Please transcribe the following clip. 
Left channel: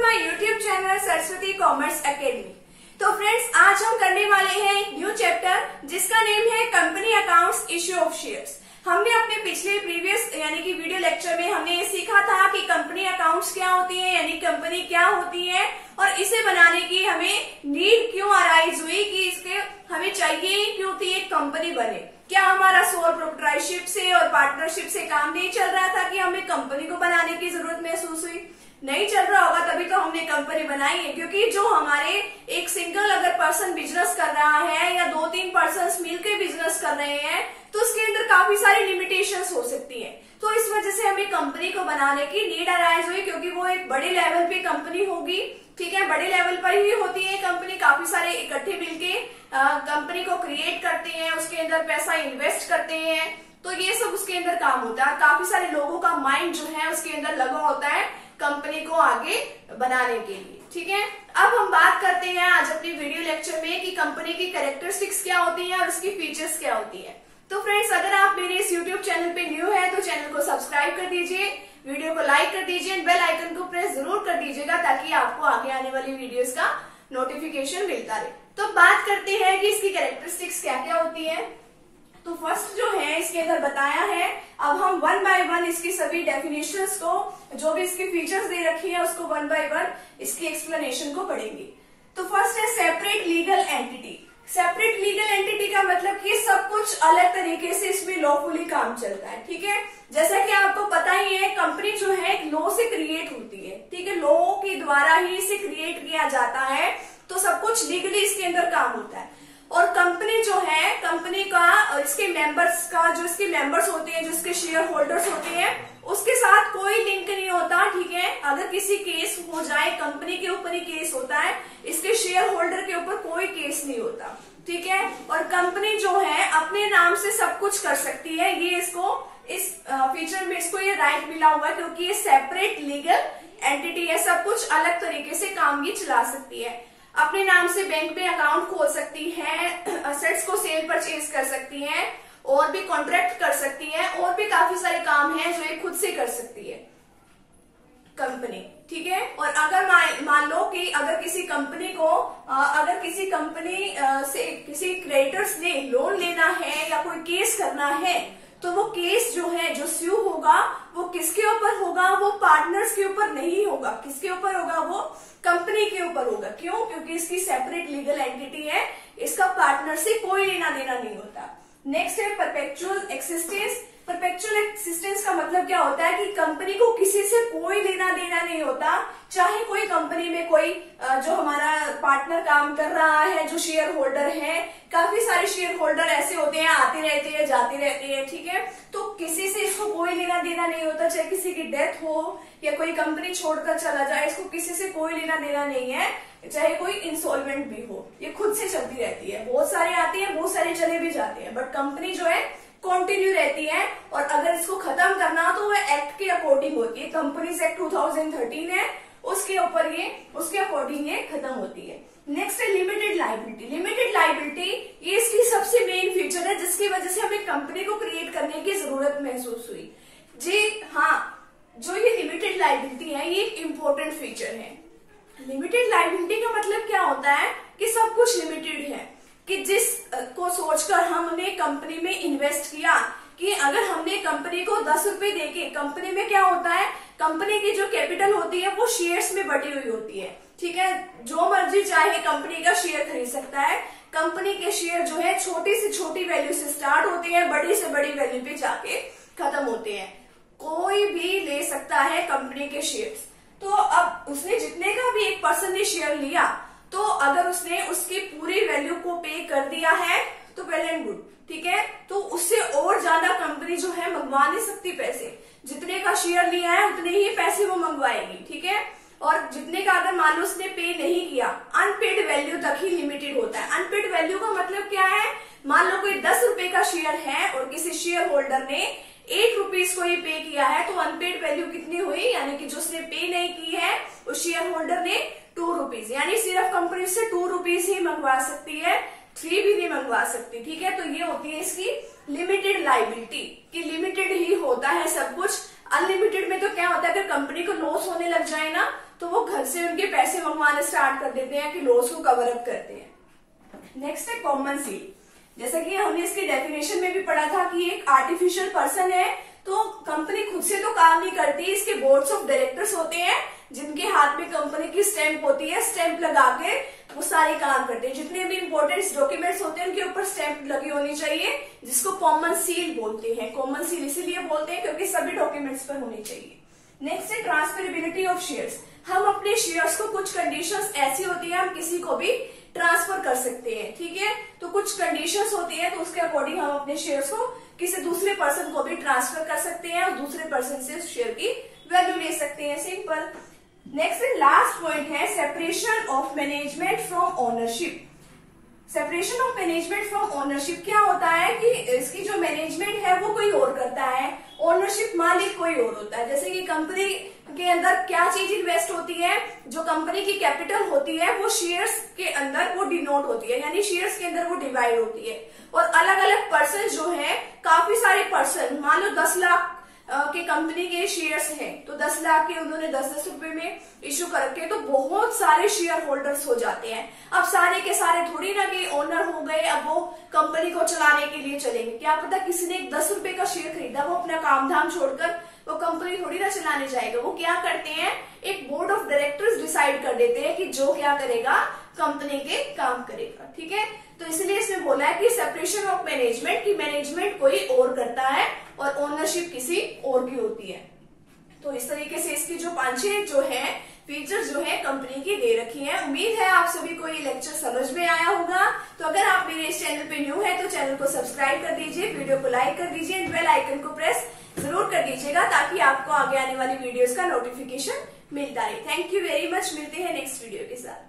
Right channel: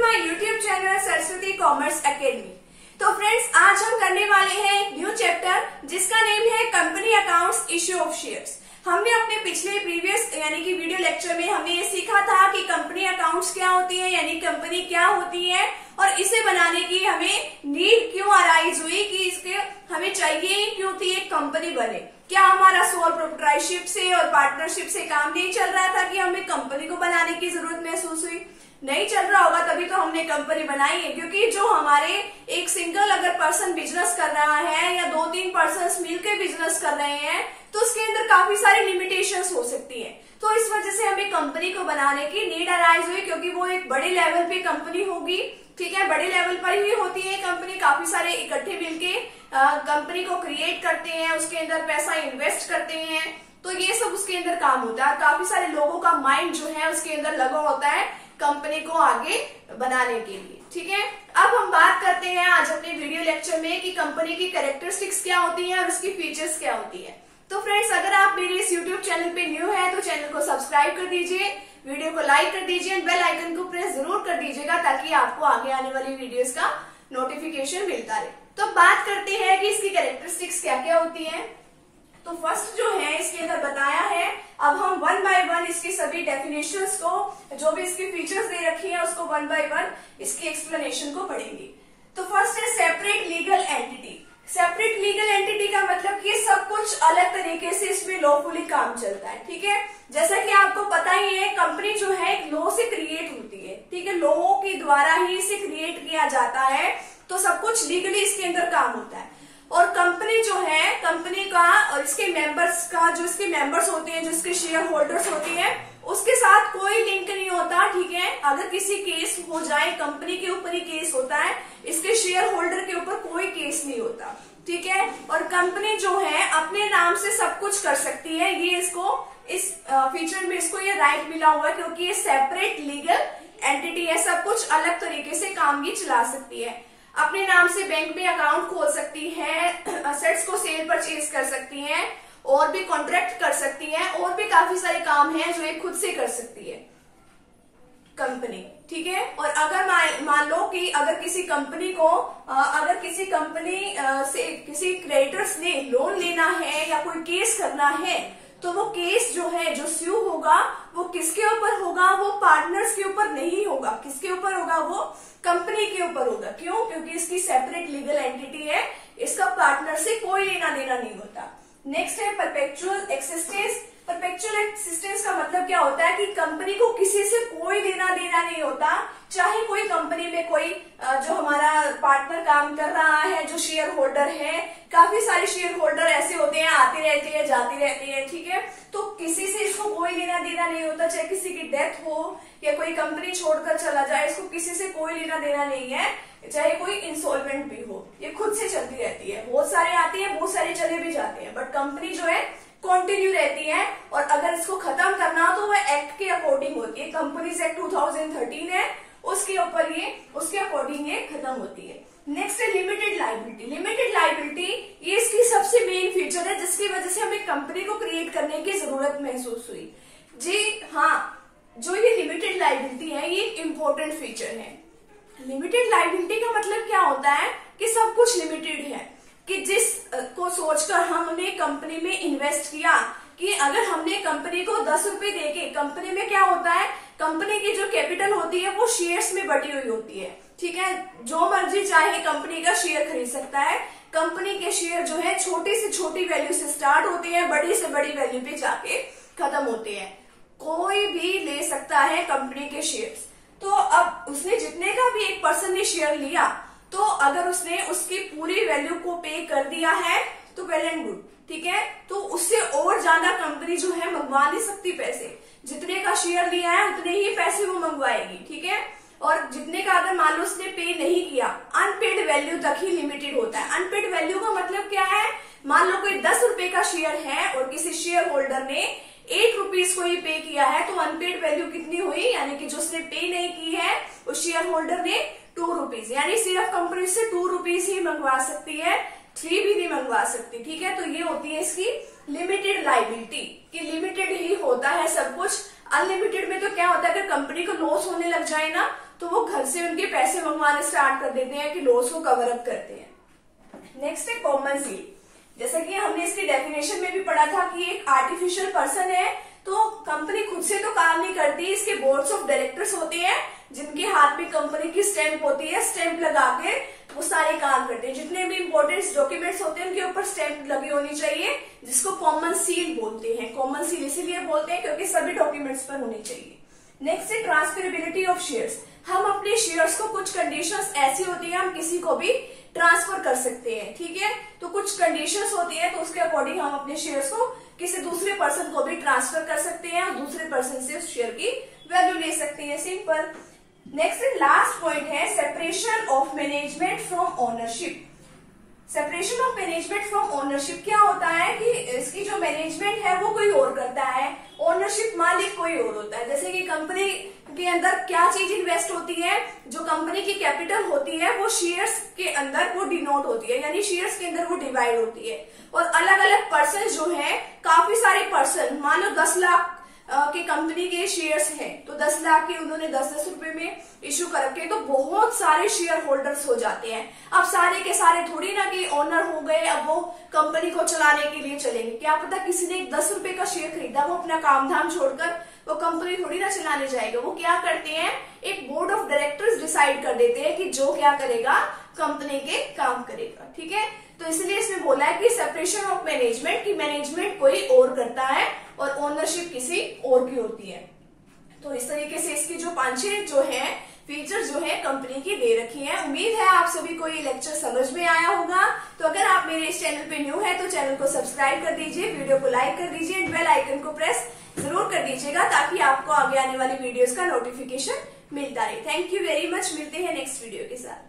My YouTube channel Saraswati commerce academy. तो friends, आज हम करने वाले हैं एक न्यू चैप्टर जिसका नेम है company accounts issue of shares. हमने अपने पिछले प्रीवियस यानी कि वीडियो लेक्चर में हमने ये सीखा था कि कंपनी अकाउंट्स क्या होती है, यानी कंपनी क्या होती है और इसे बनाने की हमें नीड क्यों अराइज हुई कि इसके हमें चाहिए क्यों थी एक कंपनी बने। क्या हमारा सोल प्रोप्राइटरशिप से और पार्टनरशिप से काम नहीं चल रहा था कि हमें कंपनी को बनाने की जरूरत महसूस हुई? नहीं चल रहा होगा तभी तो हमने कंपनी बनाई है, क्योंकि जो हमारे एक सिंगल अगर पर्सन बिजनेस कर रहा है या 2-3 पर्सन मिलकर बिजनेस कर रहे हैं तो उसके अंदर काफी सारी लिमिटेशंस हो सकती है। तो इस वजह से हमें कंपनी को बनाने की नीड अराइज हुई, क्योंकि वो एक बड़े लेवल पे कंपनी होगी। ठीक है, बड़े लेवल पर ही होती है कंपनी, काफी सारे इकट्ठे मिलके कंपनी को क्रिएट करते हैं, उसके अंदर पैसा इन्वेस्ट करते हैं, तो ये सब उसके अंदर काम होता है। काफी सारे लोगों का माइंड जो है उसके अंदर लगा होता है कंपनी को आगे बनाने के लिए। ठीक है, अब हम बात करते हैं आज अपने वीडियो लेक्चर में कि कंपनी की कैरेक्टरिस्टिक्स क्या होती है और उसकी फीचर्स क्या होती है। तो फ्रेंड्स, अगर आप मेरे इस यूट्यूब चैनल पे न्यू है तो चैनल को सब्सक्राइब कर दीजिए, वीडियो को लाइक कर दीजिए, बेल आइकन को प्रेस जरूर कर दीजिएगा ताकि आपको आगे आने वाली वीडियोस का नोटिफिकेशन मिलता रहे। तो बात करते हैं कि इसकी कैरेक्टरिस्टिक्स क्या क्या होती है। तो फर्स्ट जो है इसके अंदर बताया है, अब हम 1 बाय 1 इसकी सभी डेफिनेशंस को, जो भी इसकी फीचर्स दे रखी है उसको 1 बाय 1 इसकी एक्सप्लेनेशन को पढ़ेंगे। तो फर्स्ट है separate legal entity. Separate legal entity का मतलब कि सब कुछ अलग तरीके से इसमें लॉफुली काम चलता है। ठीक है, जैसा कि आपको पता ही है कंपनी जो है लॉ से क्रिएट होती है। ठीक है, लॉ के द्वारा ही इसे क्रिएट किया जाता है, तो सब कुछ लीगली इसके अंदर काम होता है। और कंपनी जो है, कंपनी का और इसके मेंबर्स का, जो इसके मेंबर्स होते हैं, जो इसके शेयर होल्डर्स होते हैं, उसके साथ कोई लिंक नहीं होता। ठीक है, अगर किसी केस हो जाए कंपनी के ऊपर ही केस होता है, इसके शेयर होल्डर के ऊपर कोई केस नहीं होता। ठीक है, और कंपनी जो है अपने नाम से सब कुछ कर सकती है। ये इसको इस फीचर में इसको ये राइट मिला हुआ है, क्योंकि ये सेपरेट लीगल एंटिटी है, सब कुछ अलग तरीके से काम भी चला सकती है। अपने नाम से बैंक में अकाउंट खोल सकती है, असेट्स को सेल परचेज कर सकती है, और भी कॉन्ट्रैक्ट कर सकती है, और भी काफी सारे काम हैं जो ये खुद से कर सकती है कंपनी। ठीक है, और अगर मान लो कि अगर किसी कंपनी को से किसी क्रेडिटर्स ने लोन लेना है या कोई केस करना है, तो वो केस जो है, जो स्यू होगा, वो किसके ऊपर होगा? वो पार्टनर्स के ऊपर नहीं होगा। किसके ऊपर होगा? वो कंपनी के ऊपर होगा। क्यों? क्योंकि इसकी सेपरेट लीगल एंटिटी है, इसका पार्टनर से कोई लेना देना नहीं होता। नेक्स्ट है परपेचुअल एक्सिस्टेंस। परपेचुअल एक्सिस्टेंस का मतलब क्या होता है कि कंपनी को किसी से कोई लेना देना नहीं होता। चाहे कोई कंपनी में कोई जो हमारा पार्टनर काम कर रहा है, जो शेयर होल्डर है, काफी सारे शेयर होल्डर ऐसे होते हैं, आते रहते हैं, जाते रहते हैं। ठीक है, तो किसी से इसको कोई लेना देना नहीं होता। चाहे किसी की डेथ हो या कोई कंपनी छोड़कर चला जाए, इसको किसी से कोई लेना देना नहीं है। चाहे कोई इंसॉल्वेंट भी हो, ये खुद से चलती रहती है। बहुत सारे आते हैं, बहुत सारे चले भी जाते हैं, बट कंपनी जो है कंटिन्यू रहती है। और अगर इसको खत्म करना हो तो वह एक्ट के अकॉर्डिंग होती है। कंपनीज एक्ट 2013 है, उसके ऊपर ये, उसके अकॉर्डिंग ये खत्म होती है। नेक्स्ट है लिमिटेड लायबिलिटी। लिमिटेड लायबिलिटी ये इसकी सबसे मेन फीचर है, जिसकी वजह से हमें कंपनी को क्रिएट करने की जरूरत महसूस हुई। जी हाँ, जो ये लिमिटेड लायबिलिटी है ये इम्पोर्टेंट फीचर है। लिमिटेड लायबिलिटी का मतलब क्या होता है कि सब कुछ लिमिटेड है, कि जिस को सोचकर हमने कंपनी में इन्वेस्ट किया, कि अगर हमने कंपनी को 10 रुपए देके, कंपनी में क्या होता है, कंपनी की जो कैपिटल होती है वो शेयर्स में बटी हुई होती है। ठीक है, जो मर्जी चाहे कंपनी का शेयर खरीद सकता है। कंपनी के शेयर जो है छोटी से छोटी वैल्यू से स्टार्ट होते हैं, बड़ी से बड़ी वैल्यू पे जाके खत्म होते हैं। कोई भी ले सकता है कंपनी के शेयर्स। तो अब उसने जितने का भी एक पर्सन ने शेयर लिया, तो अगर उसने उसकी पूरी वैल्यू को पे कर दिया है तो वेल एंड गुड। ठीक है, तो उससे और ज्यादा कंपनी जो है मंगवा नहीं सकती पैसे। जितने का शेयर लिया है उतने ही पैसे वो मंगवाएगी। ठीक है, और जितने का अगर मान लो उसने पे नहीं किया, अनपेड वैल्यू तक ही लिमिटेड होता है। अनपेड वैल्यू का मतलब क्या है? मान लो कोई 10 रुपए का शेयर है और किसी शेयर होल्डर ने 8 रुपीज को ही पे किया है, तो अनपेड वैल्यू कितनी हुई? यानी कि जो उसने पे नहीं की है उस शेयर होल्डर ने 2 रुपीज, यानी सिर्फ कंपनी से 2 रुपीज ही मंगवा सकती है, 3 भी नहीं मंगवा सकती। ठीक है, तो ये होती है इसकी लिमिटेड लायबिलिटी, कि लिमिटेड ही होता है सब कुछ। अनलिमिटेड में तो क्या होता है, अगर कंपनी को लॉस होने लग जाए ना तो वो घर से उनके पैसे मंगवाने स्टार्ट कर देते हैं कि लॉस को कवर अप करते हैं। नेक्स्ट है कॉमन सील। जैसा कि हमने इसकी डेफिनेशन में भी पढ़ा था कि एक आर्टिफिशियल पर्सन है, तो कंपनी खुद से तो काम नहीं करती, इसके बोर्ड्स ऑफ डायरेक्टर्स होते हैं जिनके हाथ में कंपनी की स्टैंप होती है, स्टैंप लगा के वो सारे काम करते हैं। जितने भी इंपॉर्टेंट डॉक्यूमेंट्स होते हैं उनके ऊपर स्टैंप लगी होनी चाहिए, जिसको कॉमन सील बोलते हैं। कॉमन सील इसीलिए बोलते हैं क्योंकि सभी डॉक्यूमेंट्स पर होनी चाहिए। नेक्स्ट है ट्रांसफरेबिलिटी ऑफ शेयर्स। हम अपने शेयर्स को, कुछ कंडीशंस ऐसी होती है हम किसी को भी ट्रांसफर कर सकते हैं, ठीक है। तो कुछ कंडीशंस होती है, तो उसके अकॉर्डिंग हम अपने शेयर्स को किसी दूसरे पर्सन को भी ट्रांसफर कर सकते हैं और दूसरे पर्सन से उस शेयर की वैल्यू ले सकते हैं, simple. Next and last point है separation of management from ownership. Separation of management from ownership क्या होता है कि इसकी जो मैनेजमेंट है वो कोई और करता है, ओनरशिप मालिक कोई और होता है। जैसे कि कंपनी के अंदर क्या चीज इन्वेस्ट होती है, जो कंपनी की कैपिटल होती है वो शेयर्स के अंदर वो डिनोट होती है, यानी शेयर्स के अंदर वो डिवाइड होती है। और अलग अलग पर्सन जो है, काफी सारे पर्सन, मान लो 10 लाख के कंपनी के शेयर्स हैं, तो 10 लाख के उन्होंने 10-10 रुपए में इश्यू कर रखे, तो बहुत सारे शेयर होल्डर्स हो जाते हैं। अब सारे के सारे थोड़ी ना कि ओनर हो गए, अब वो कंपनी को चलाने के लिए चलेंगे। क्या पता किसी ने 10 रुपए का शेयर खरीदा, वो अपना काम धाम छोड़कर वो कंपनी थोड़ी ना चलाने जाएगा। वो क्या करते हैं, एक बोर्ड ऑफ डायरेक्टर्स डिसाइड कर देते हैं कि जो क्या करेगा, कंपनी के काम करेगा, ठीक है। तो इसलिए इसमें बोला है कि सेपरेशन ऑफ मैनेजमेंट, की मैनेजमेंट कोई और करता है और ओनरशिप किसी और की होती है। तो इस तरीके से इसकी जो 5-6 जो है फीचर जो है कंपनी की दे रखी है। उम्मीद है आप सभी को ये लेक्चर समझ में आया होगा। तो अगर आप मेरे इस चैनल पे न्यू है तो चैनल को सब्सक्राइब कर दीजिए, वीडियो को लाइक कर दीजिए एंड बेल आइकन को प्रेस जरूर कर दीजिएगा ताकि आपको आगे आने वाली वीडियोस का नोटिफिकेशन मिलता रहे। थैंक यू वेरी मच, मिलते हैं नेक्स्ट वीडियो के साथ।